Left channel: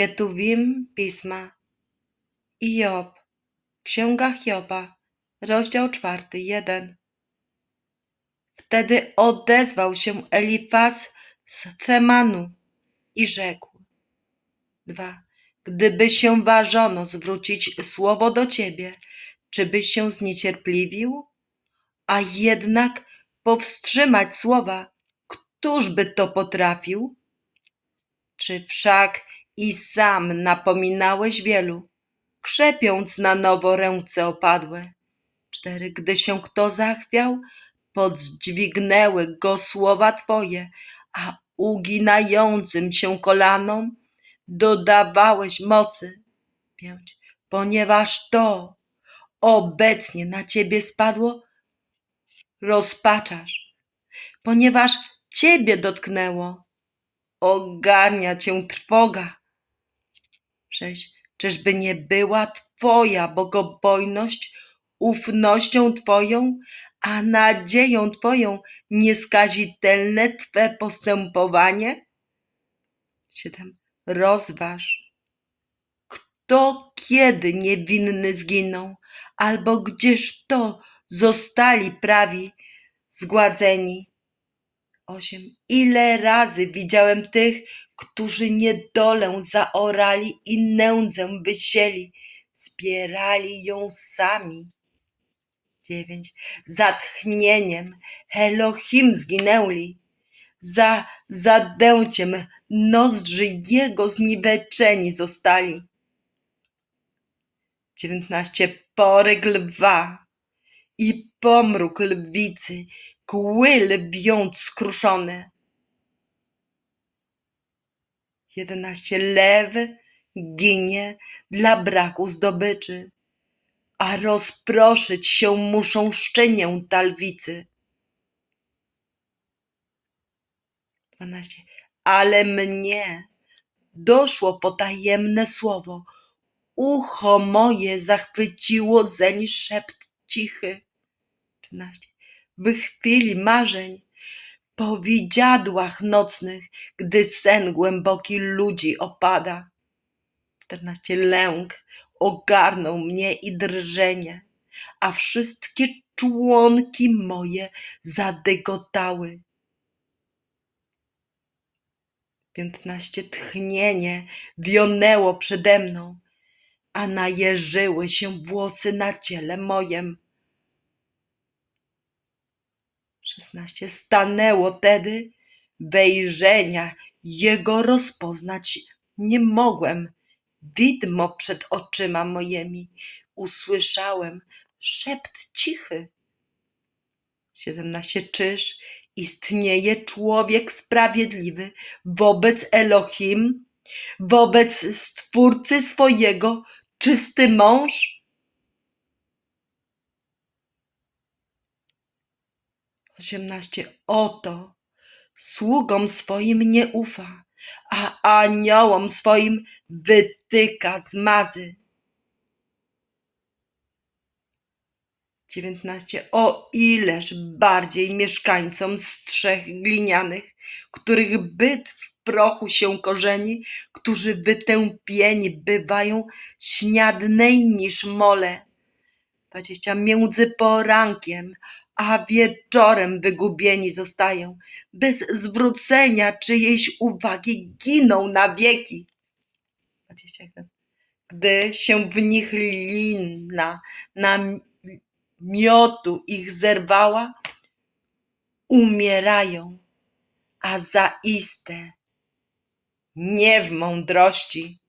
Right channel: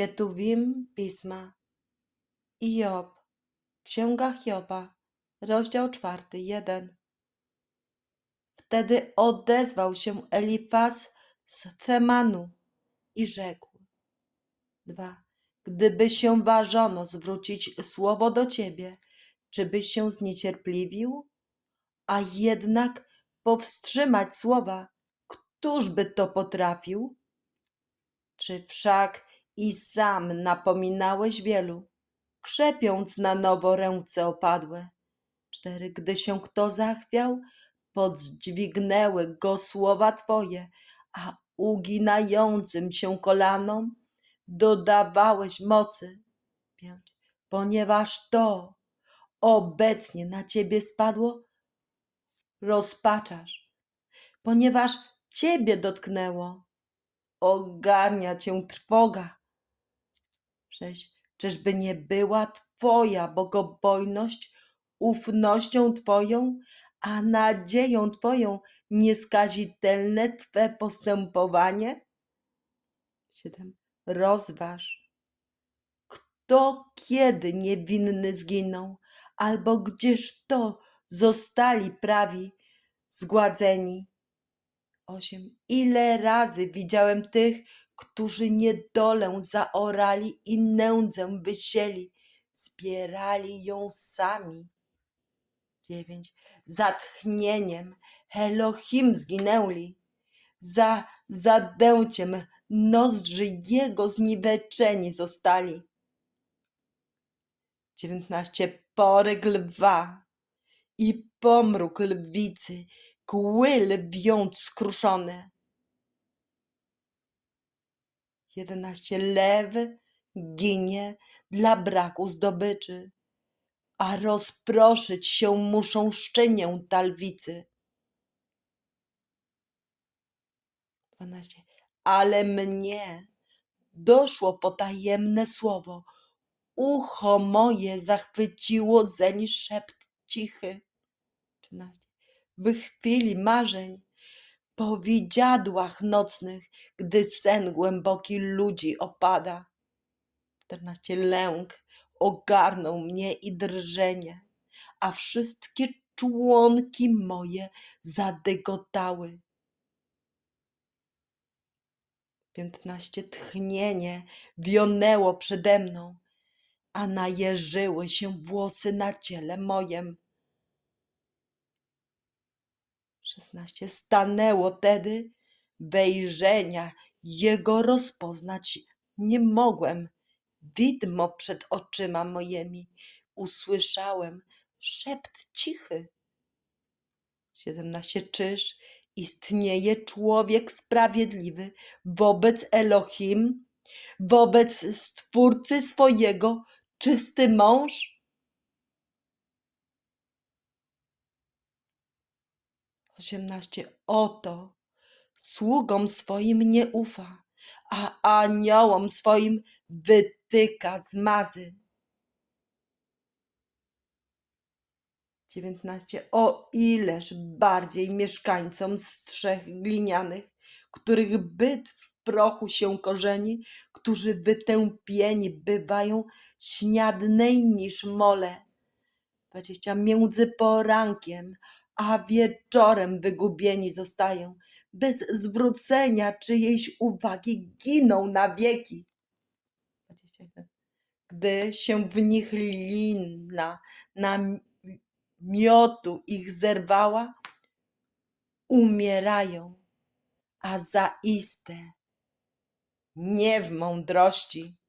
Ketuwim Pisma i Job, Księga Hioba, rozdział czwarty, jeden. Wtedy odezwał się Elifaz z Temanu i rzekł. Dwa. Gdyby się ważono zwrócić słowo do ciebie, czy byś się zniecierpliwił? A jednak powstrzymać słowa, któż by to potrafił? Czy wszak i sam napominałeś wielu, krzepiąc na nowo ręce opadłe? Cztery, gdy się kto zachwiał, podźwignęły go słowa Twoje, a uginającym się kolanom dodawałeś mocy. Pięć, ponieważ to obecnie na Ciebie spadło, rozpaczasz, ponieważ Ciebie dotknęło, ogarnia Cię trwoga. Sześć, czyżby nie była Twoja bogobojność ufnością Twoją, a nadzieją Twoją nieskazitelne Twe postępowanie? Siedem. Rozważ, kto kiedy niewinny zginął, albo gdzież to zostali prawi zgładzeni. Osiem. Ile razy widziałem tych, którzy niedolę zaorali i nędzę wysieli, zbierali ją sami. Dziewięć. Za tchnieniem Elohim zginęli, za zadęciem nozdrzy jego zniweczeni zostali. Dziewiętnaście. Poryk lwa i pomruk lwicy, kły lwiąc skruszone. Jedenaście. Lew ginie dla braku zdobyczy, a rozproszyć się muszą szczenięta lwicy. Dwanaście. Ale mnie doszło potajemne słowo, ucho moje zachwyciło zeń szept cichy. Trzynaście. W chwili marzeń, po widziadłach nocnych, gdy sen głęboki ludzi opada. Czternaście. Lęk ogarnął mnie i drżenie, a wszystkie członki moje zadygotały. Piętnaście. Tchnienie wionęło przede mną, a najeżyły się włosy na ciele mojem. Szesnaście. Stanęło tedy wejrzenia jego rozpoznać nie mogłem. Widmo przed oczyma moimi usłyszałem szept cichy. Siedemnaście. Czyż istnieje człowiek sprawiedliwy wobec Elohim, wobec Stwórcy swojego, czysty mąż? Osiemnaście. Oto sługom swoim nie ufa, a aniołom swoim wytyka zmazy. Dziewiętnaście. O ileż bardziej mieszkańcom strzech glinianych, których byt w prochu się korzeni, którzy wytępieni bywają śniadnej niż mole. Dwadzieścia. Między porankiem a wieczorem wygubieni zostają, bez zwrócenia czyjejś uwagi giną na wieki. 21. Gdy się w nich lina na miotu ich zerwała, umierają, a zaiste nie w mądrości.